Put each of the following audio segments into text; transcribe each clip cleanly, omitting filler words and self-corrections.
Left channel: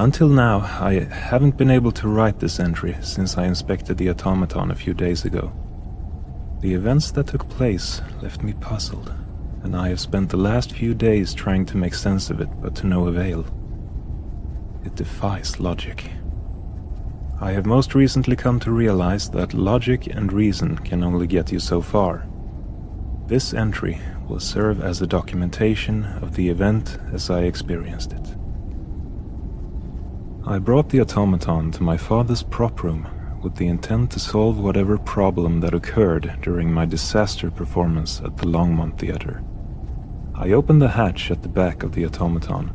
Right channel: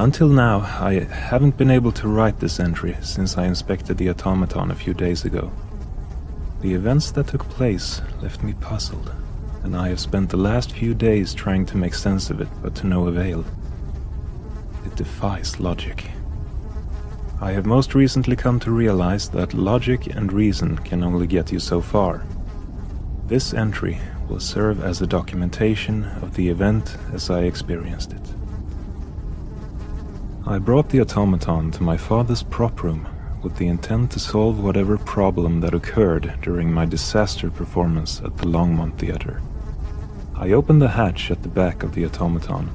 Until now, I haven't been able to write this entry since I inspected the automaton a few days ago. The events that took place left me puzzled, and I have spent the last few days trying to make sense of it, but to no avail. It defies logic. I have most recently come to realize that logic and reason can only get you so far. This entry will serve as a documentation of the event as I experienced it. I brought the automaton to my father's prop room with the intent to solve whatever problem that occurred during my disaster performance at the Longmont Theater. I opened the hatch at the back of the automaton,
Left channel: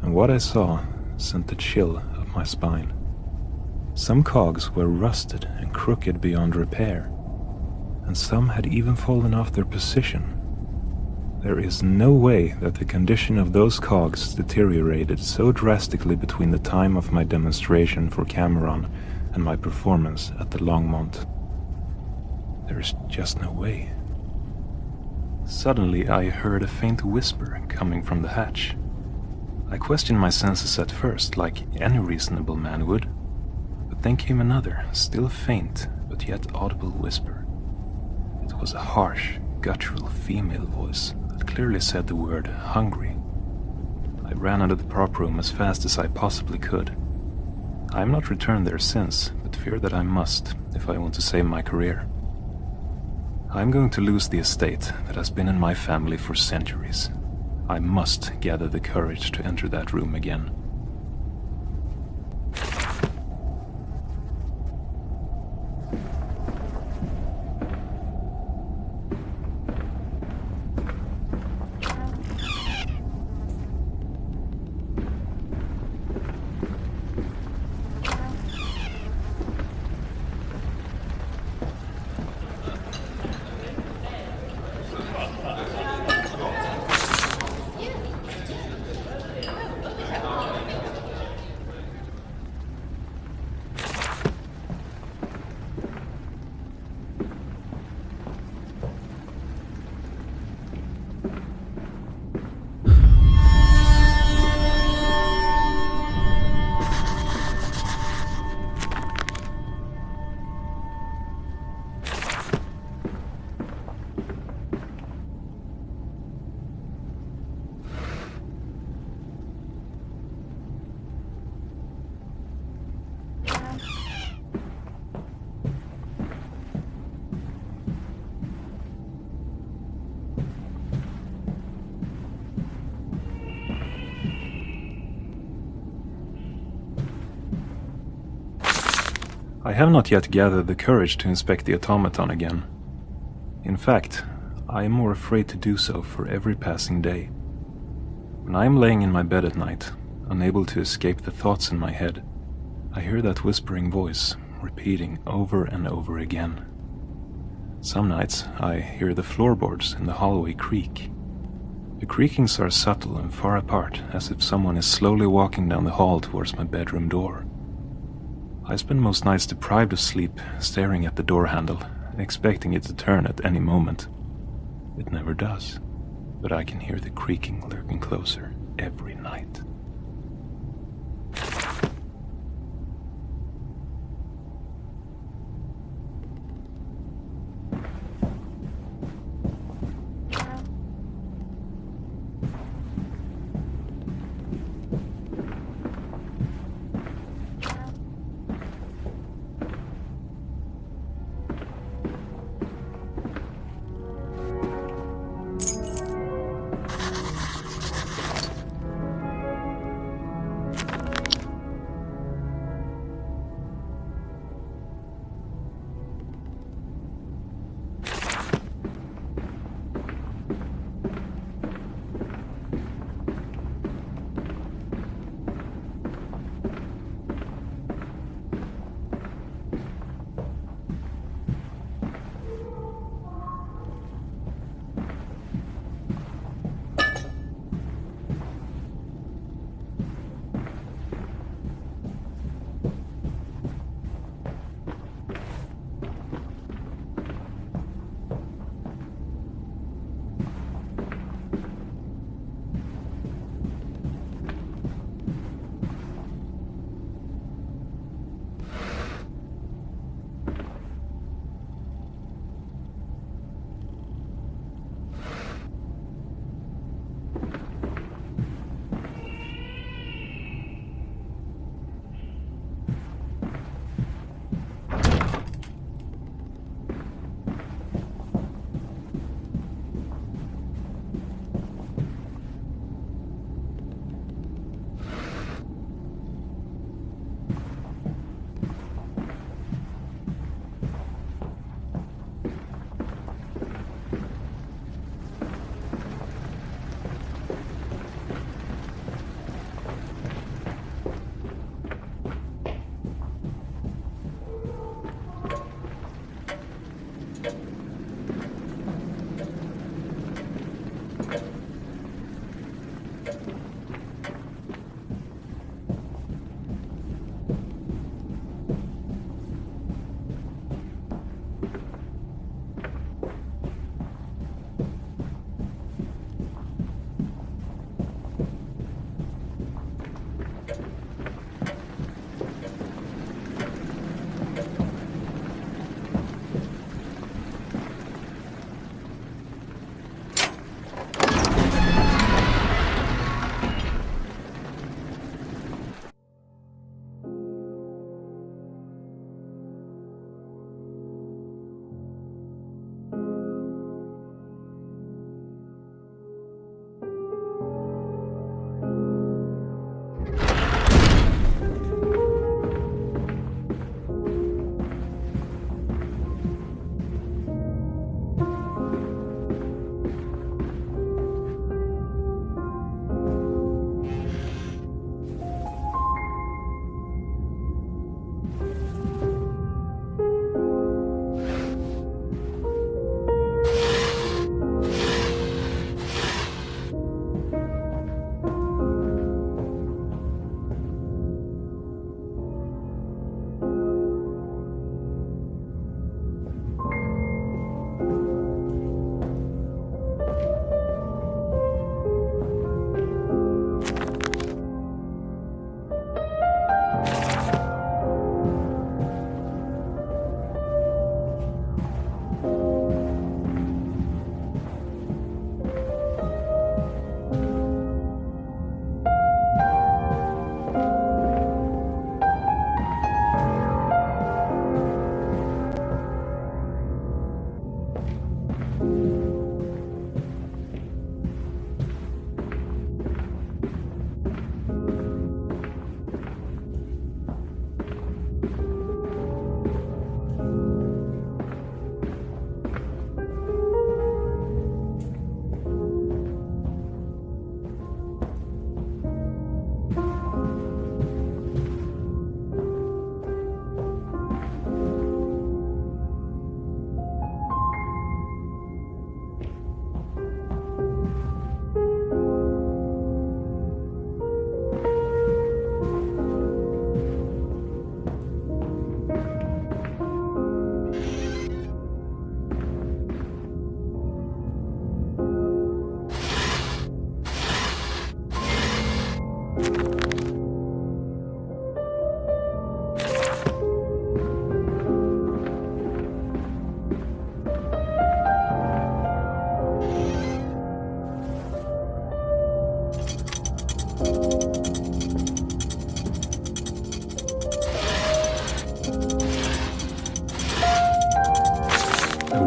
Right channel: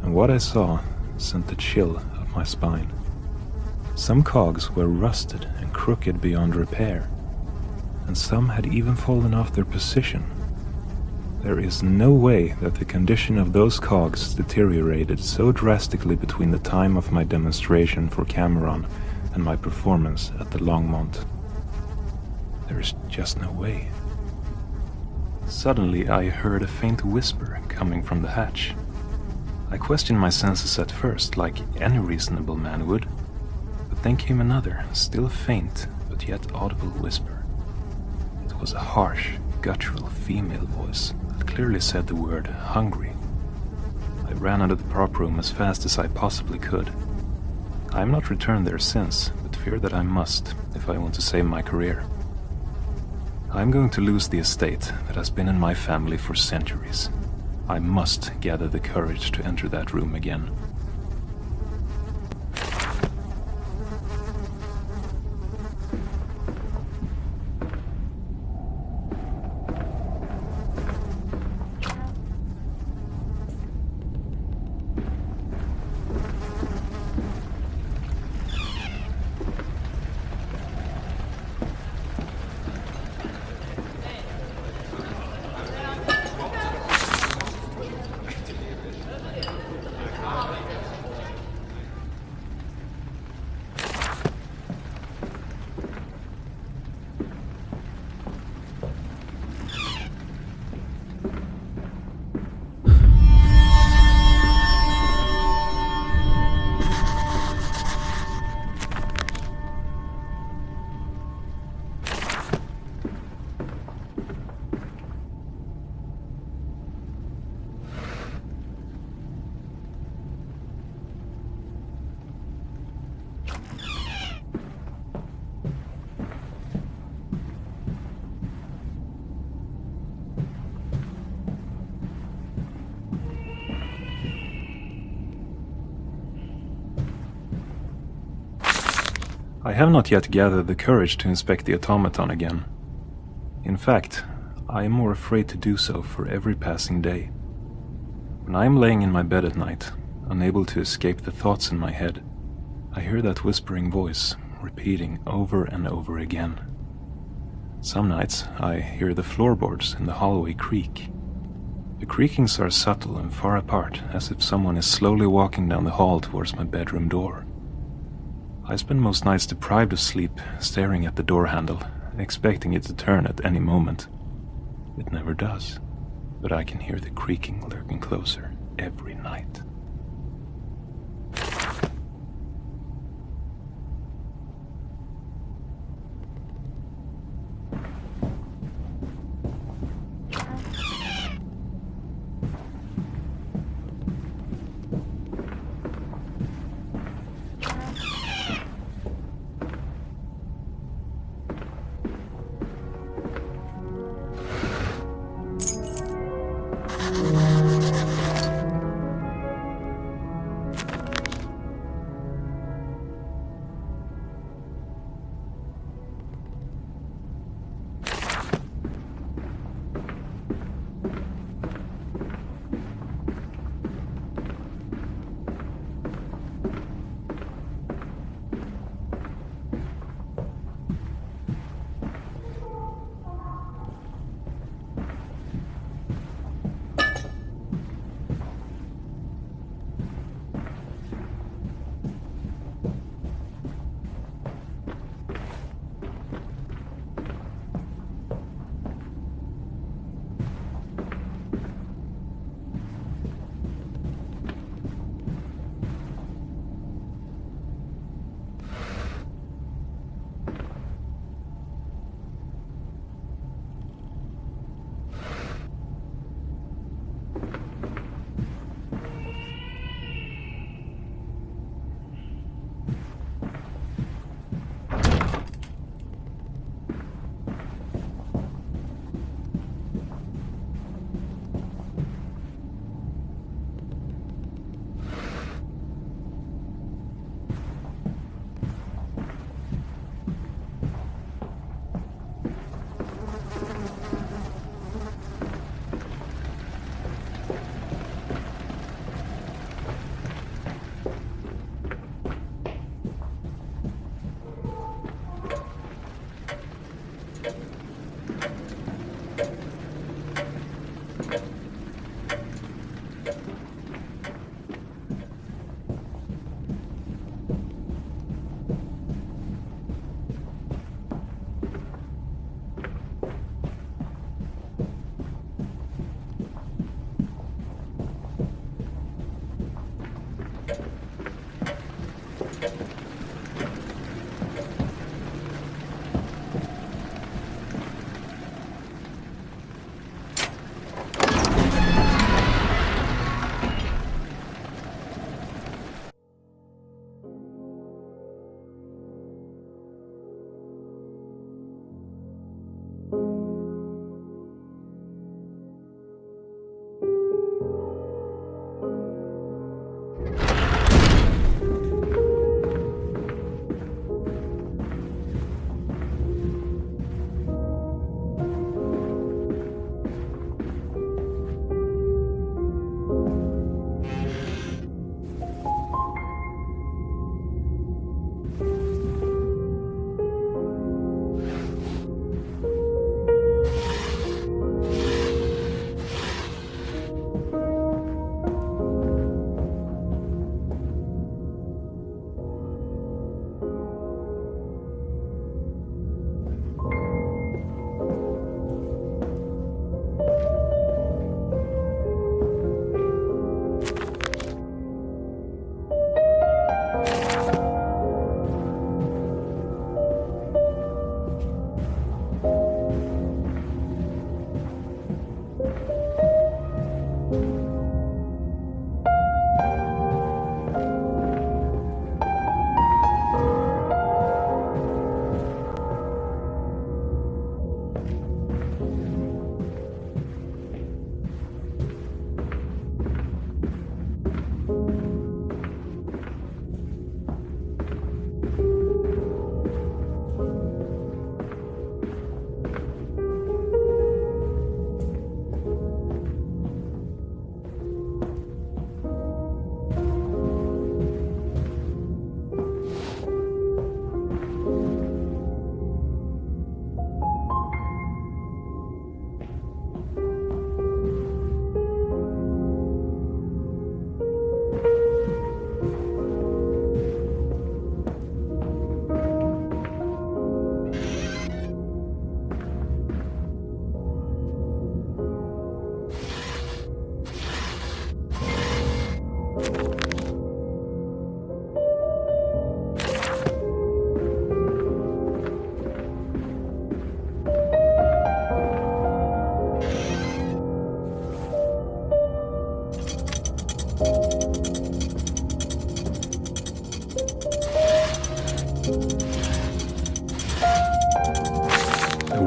and what I saw sent a chill up my spine. Some cogs were rusted and crooked beyond repair, and some had even fallen off their position. There is no way that the condition of those cogs deteriorated so drastically between the time of my demonstration for Cameron and my performance at the Longmont. There is just no way. Suddenly I heard a faint whisper coming from the hatch. I questioned my senses at first, like any reasonable man would, but then came another, still faint but yet audible whisper. It was a harsh, guttural female voice that clearly said the word hungry. I ran out of the prop room as fast as I possibly could. I have not returned there since, but fear that I must if I want to save my career. I am going to lose the estate that has been in my family for centuries. I must gather the courage to enter that room again. I have not yet gathered the courage to inspect the automaton again. In fact, I am more afraid to do so for every passing day. When I am laying in my bed at night, unable to escape the thoughts in my head, I hear that whispering voice repeating over and over again. Some nights I hear the floorboards in the hallway creak. The creakings are subtle and far apart, as if someone is slowly walking down the hall towards my bedroom door. I spend most nights deprived of sleep, staring at the door handle, expecting it to turn at any moment. It never does, but I can hear the creaking lurking closer every night.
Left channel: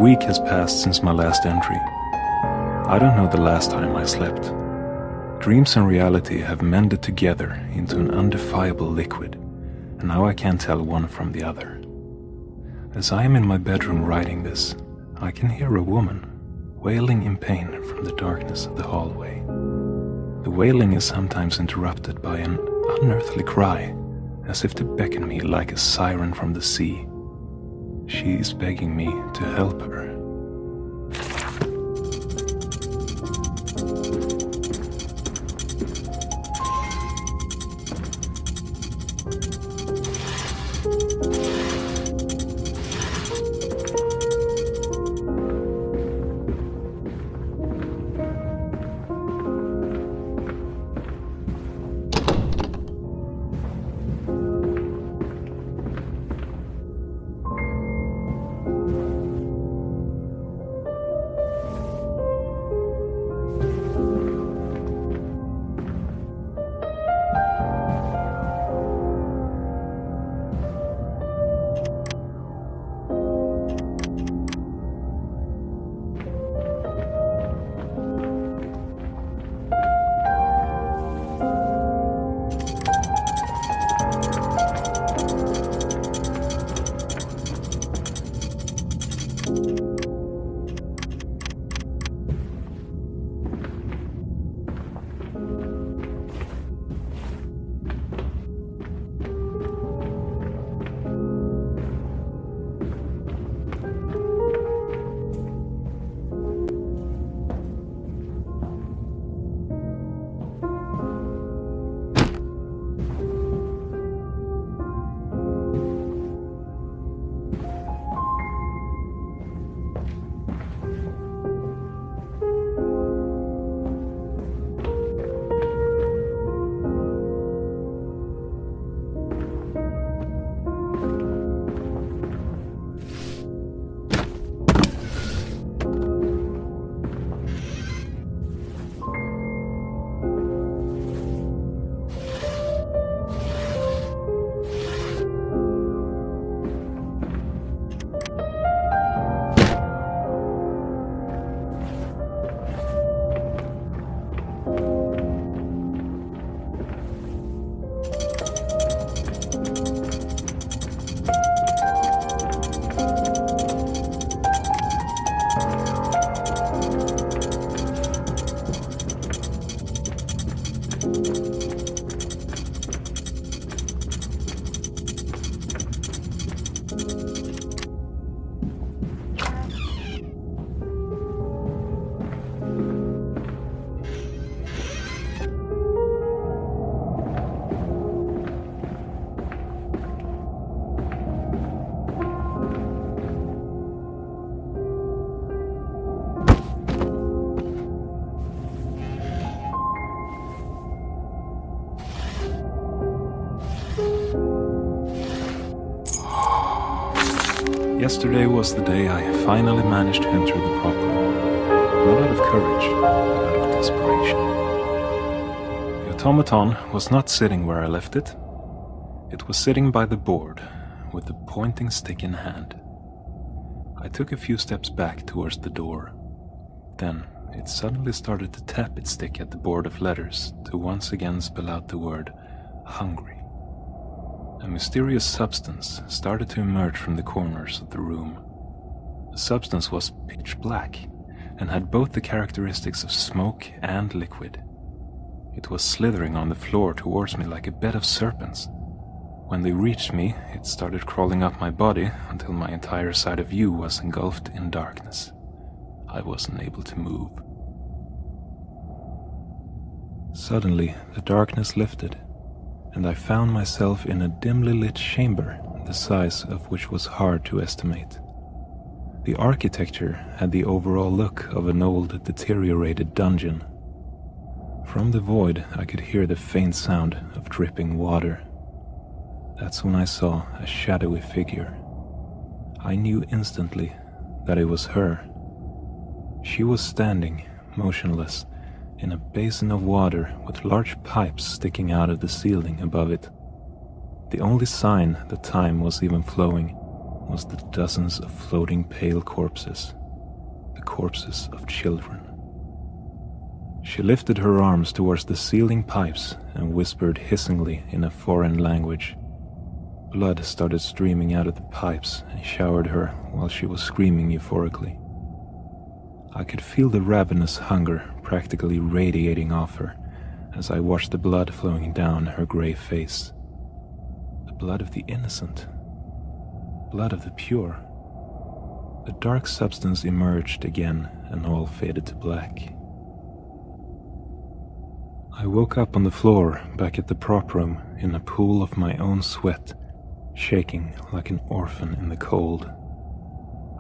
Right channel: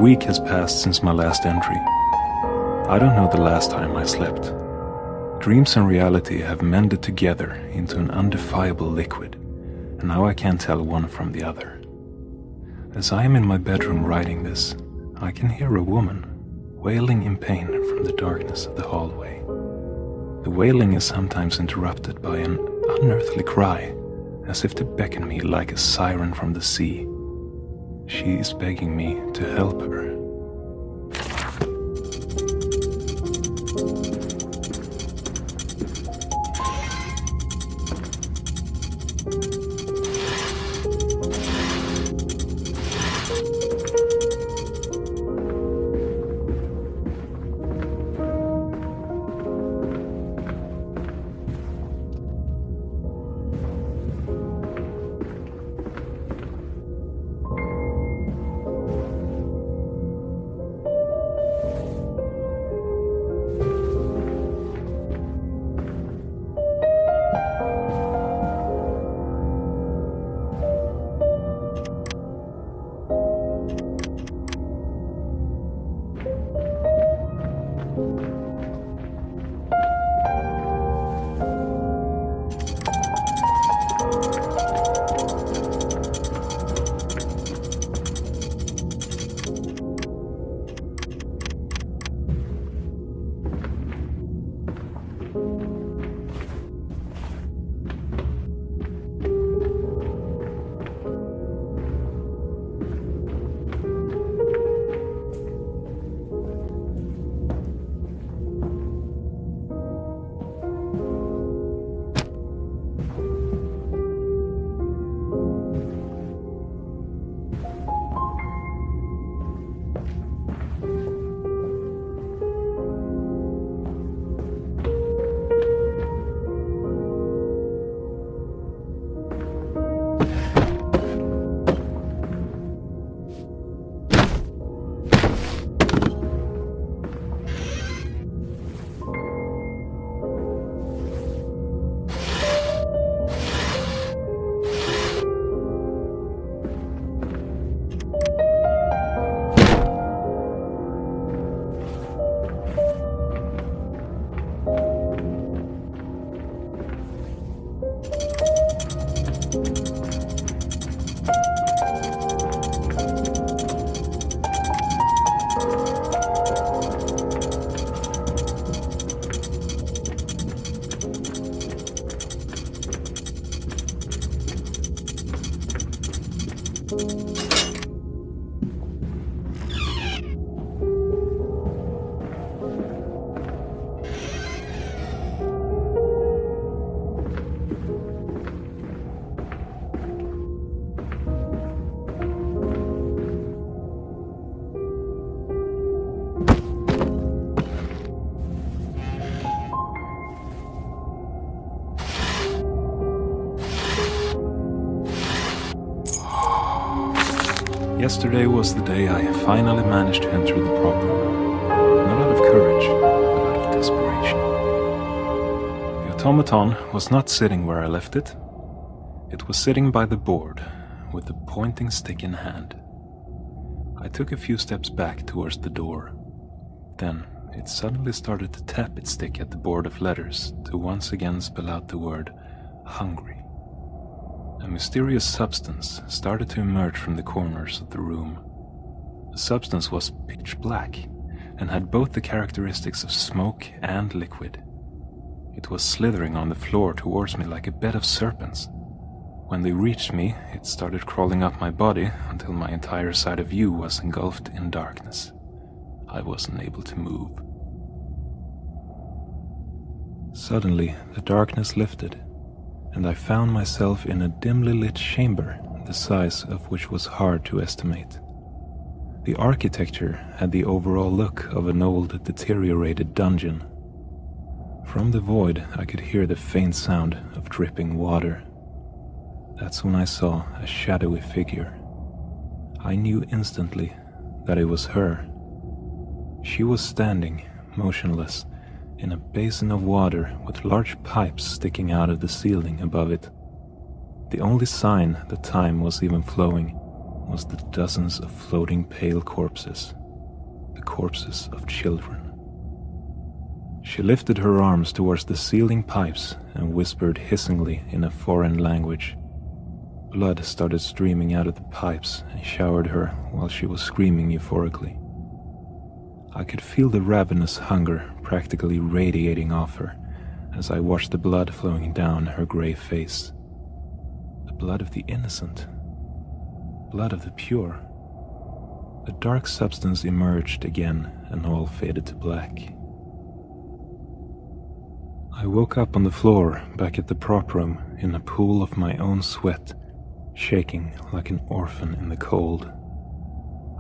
week has passed since my last entry. I don't know the last time I slept. Dreams and reality have mended together into an undefiable liquid, and now I can't tell one from the other. As I am in my bedroom writing this, I can hear a woman wailing in pain from the darkness of the hallway. The wailing is sometimes interrupted by an unearthly cry, as if to beckon me like a siren from the sea. She is begging me to help her. Yesterday was the day I finally managed to enter the prop room. Not out of courage, but out of desperation. The automaton was not sitting where I left it. It was sitting by the board, with the pointing stick in hand. I took a few steps back towards the door. Then it suddenly started to tap its stick at the board of letters to once again spell out the word hungry. A mysterious substance started to emerge from the corners of the room. The substance was pitch black and had both the characteristics of smoke and liquid. It was slithering on the floor towards me like a bed of serpents. When they reached me, it started crawling up my body until my entire side of view was engulfed in darkness. I wasn't able to move. Suddenly, the darkness lifted, and I found myself in a dimly lit chamber, the size of which was hard to estimate. The architecture had the overall look of an old, deteriorated dungeon. From the void, I could hear the faint sound of dripping water. That's when I saw a shadowy figure. I knew instantly that it was her. She was standing, motionless, in a basin of water with large pipes sticking out of the ceiling above it. The only sign that time was even flowing was the dozens of floating pale corpses, the corpses of children. She lifted her arms towards the sealing pipes and whispered hissingly in a foreign language. Blood started streaming out of the pipes and showered her while she was screaming euphorically. I could feel the ravenous hunger practically radiating off her as I watched the blood flowing down her gray face. The blood of the innocent. Blood of the pure. The dark substance emerged again and all faded to black. I woke up on the floor back at the prop room in a pool of my own sweat, shaking like an orphan in the cold.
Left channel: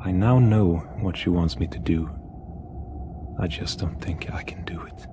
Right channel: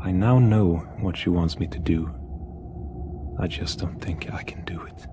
I now know what she wants me to do. I just don't think I can do it.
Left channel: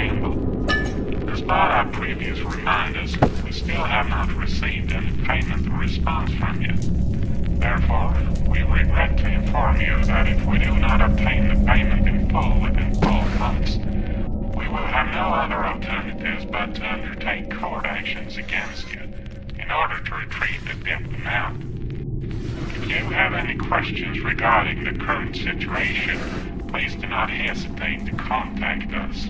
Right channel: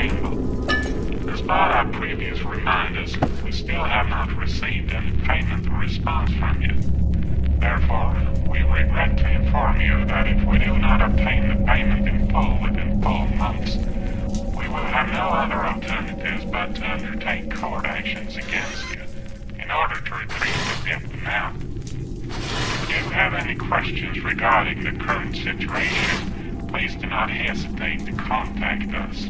handle. Despite our previous reminders, we still have not received any payment or response from you. Therefore, we regret to inform you that if we do not obtain the payment in full within 12 months, we will have no other alternatives but to undertake court actions against you in order to retrieve the gift amount. If you have any questions regarding the current situation, please do not hesitate to contact us.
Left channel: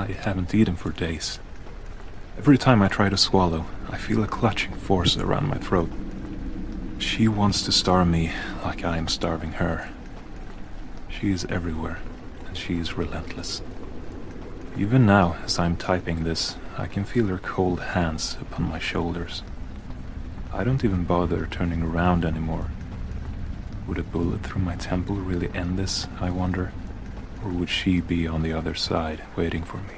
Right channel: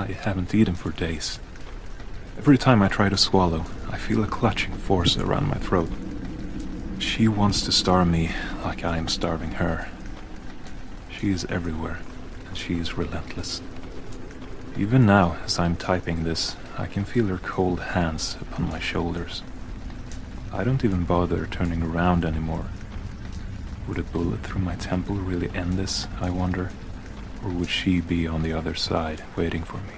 I haven't eaten for days. Every time I try to swallow, I feel a clutching force around my throat. She wants to starve me like I am starving her. She is everywhere, and she is relentless. Even now, as I'm typing this, I can feel her cold hands upon my shoulders. I don't even bother turning around anymore. Would a bullet through my temple really end this, I wonder? Or would she be on the other side, waiting for me?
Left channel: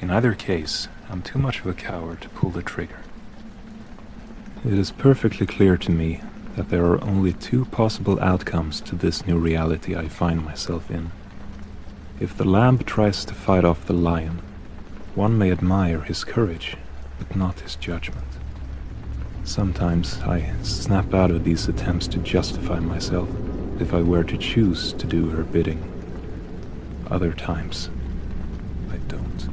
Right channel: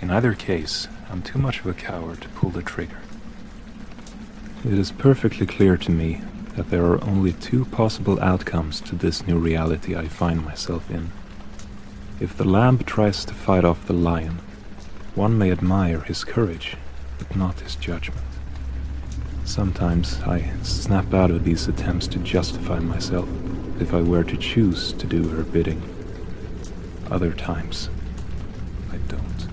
In either case, I'm too much of a coward to pull the trigger. It is perfectly clear to me that there are only two possible outcomes to this new reality I find myself in. If the lamb tries to fight off the lion, one may admire his courage, but not his judgment. Sometimes I snap out of these attempts to justify myself if I were to choose to do her bidding. Other times, I don't.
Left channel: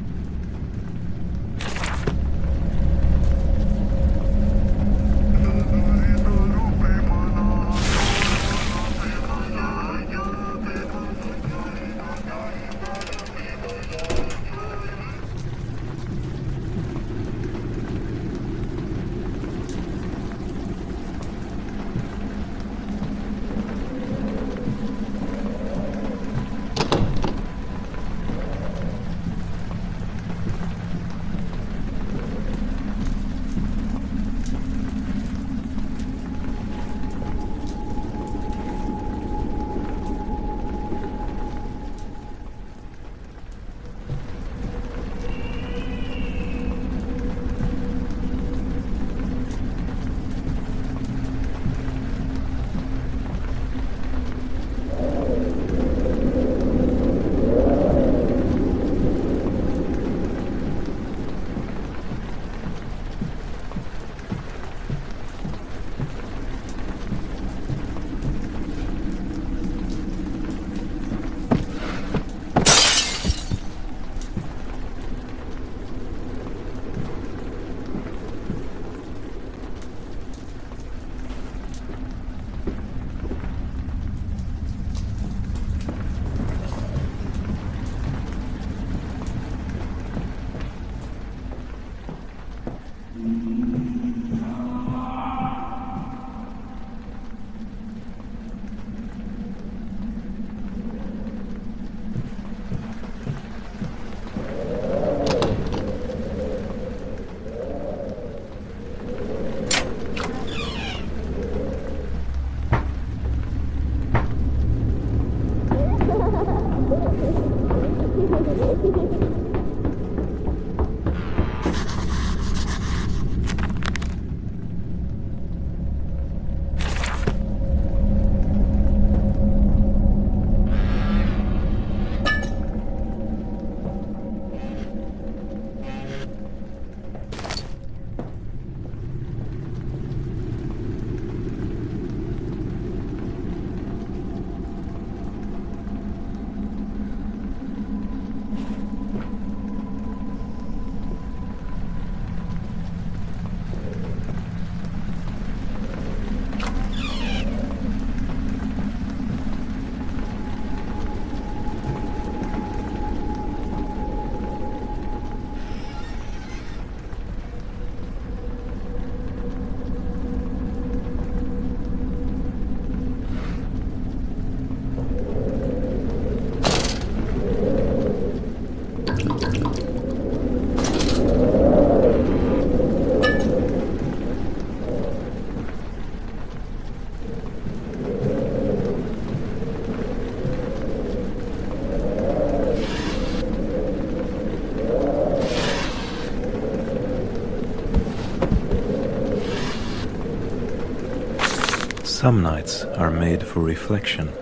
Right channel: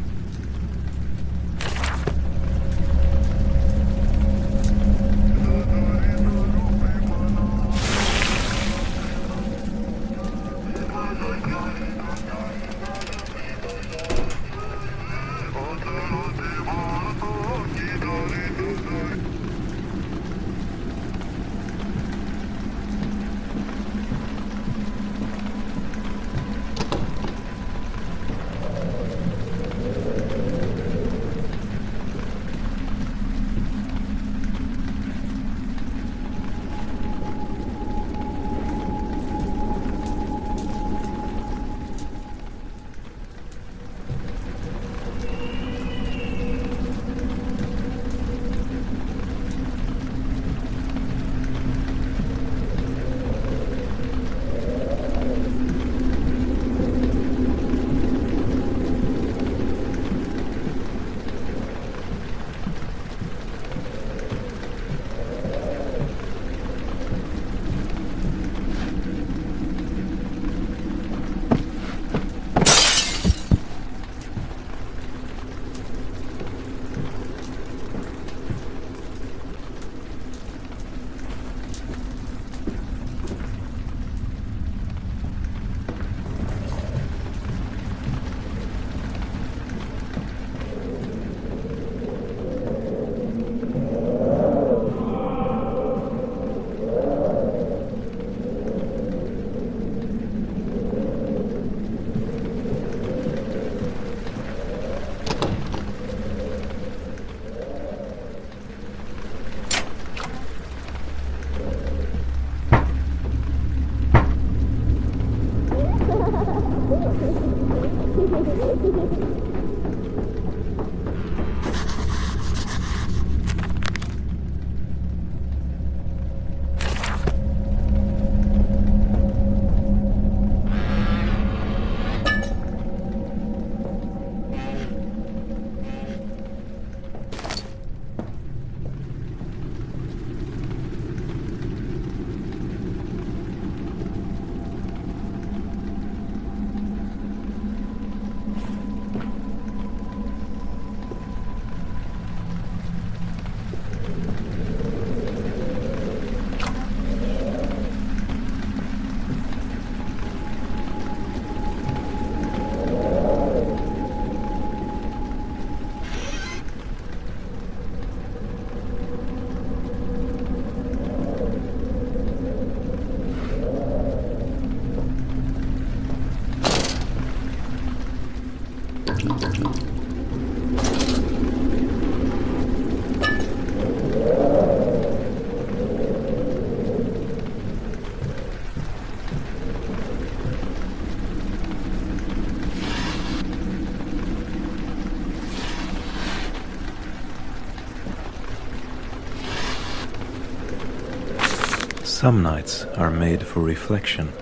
Some nights are made for reflection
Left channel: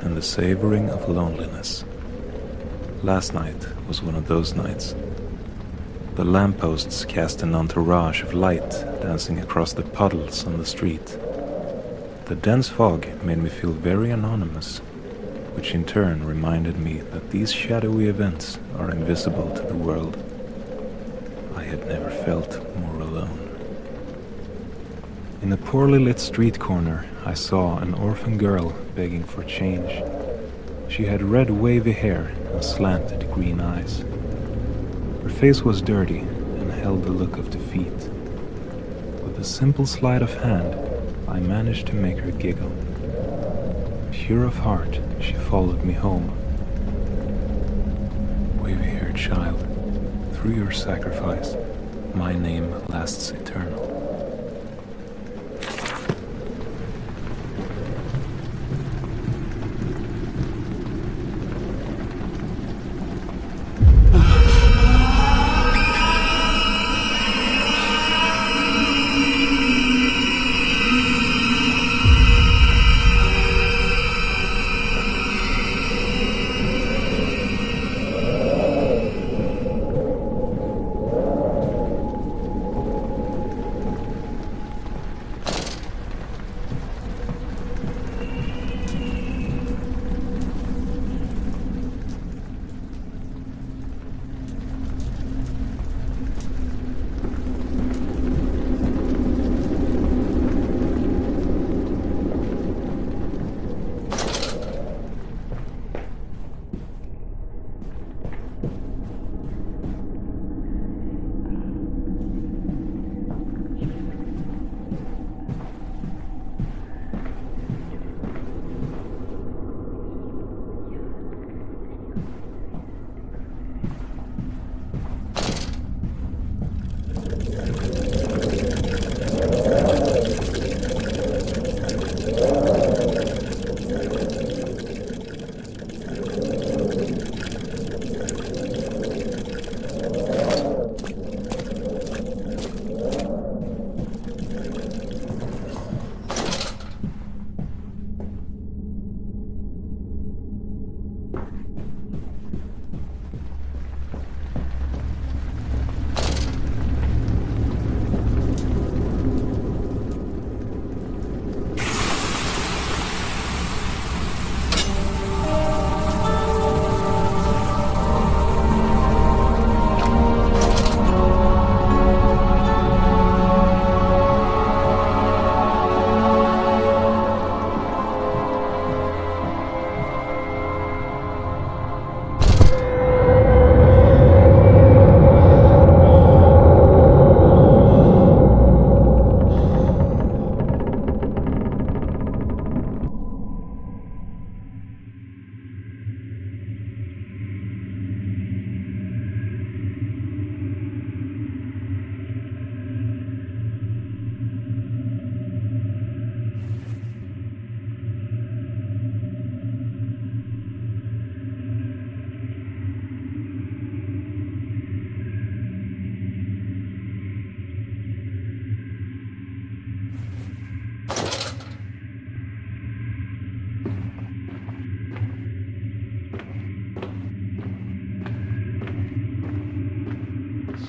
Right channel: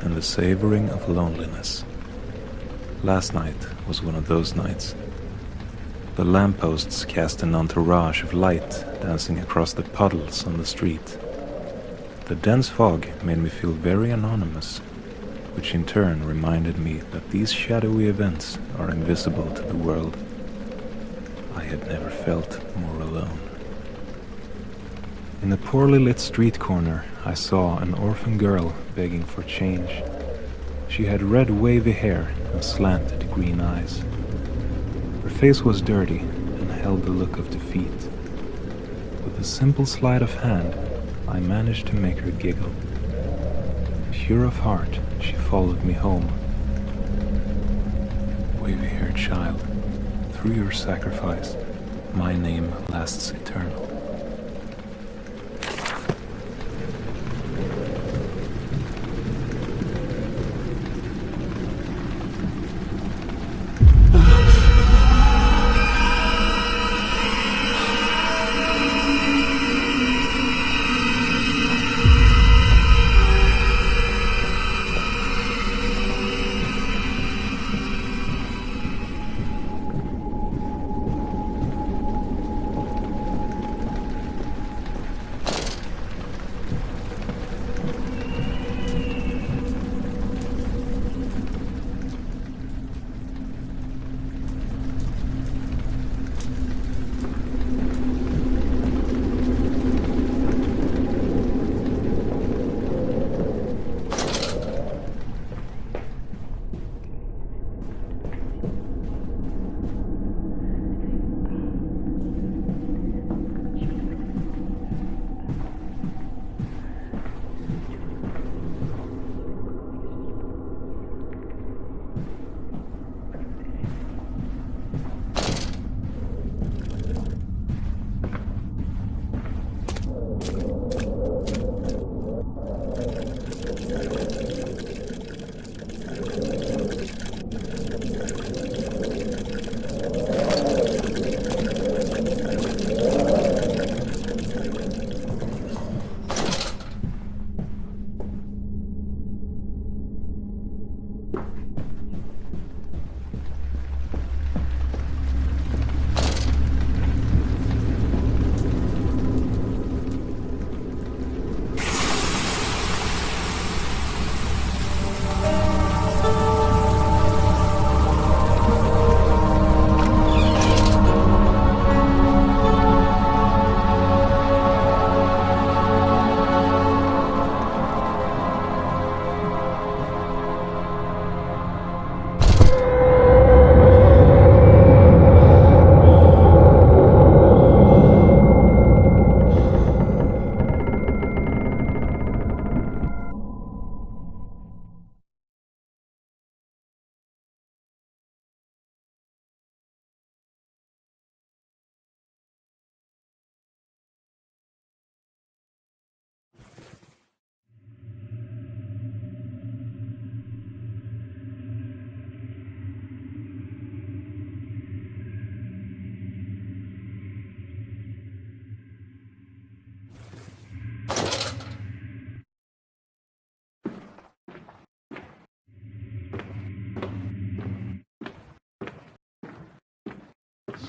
and the savoring of loneliness. Last night was one of those nights. The lampposts cast an entourage of light dancing across the puddles on the street. The dense fog made me feel very anonymous, which in turn reminded me that these shadowy events are invisible to the world. I had never felt more alone. In a poorly lit street corner, I saw an orphan girl begging for change. She had red wavy hair and slanted green eyes. Her face was dirty and held the look of defeat. With a simple sleight of hand, I managed to make her giggle. Pure of heart, she followed me home. Wavy-haired child, through your sacrifice, my name lasts eternal.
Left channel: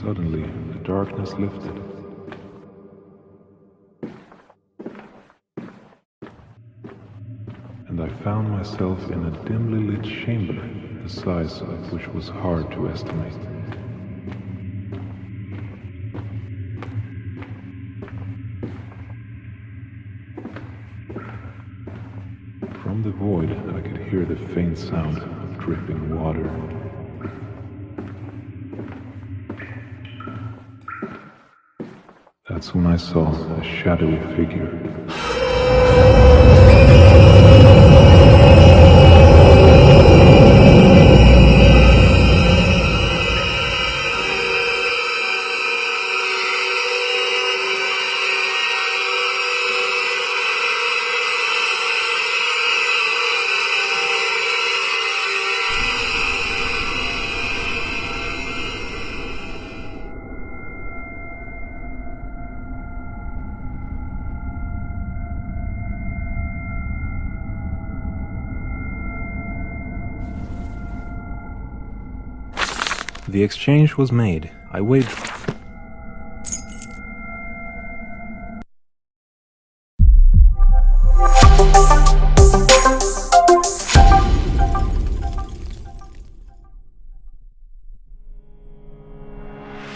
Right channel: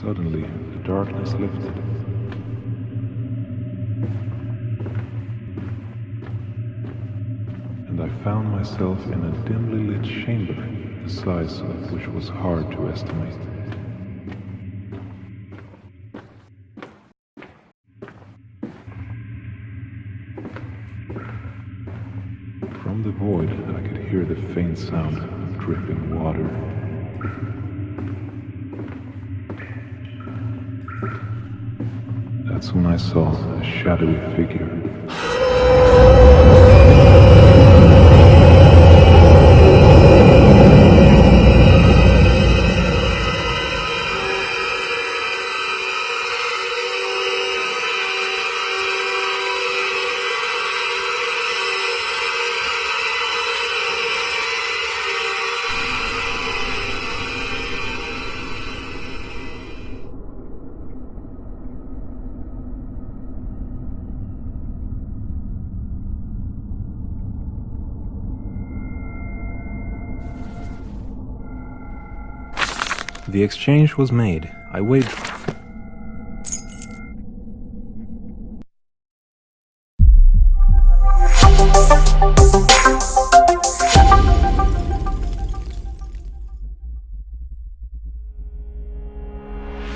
Suddenly, the darkness lifted. And I found myself in a dimly lit chamber, the size of which was hard to estimate. From the void, I could hear the faint sound of dripping water. That's when I saw a shadowy figure. The exchange was made. I waved.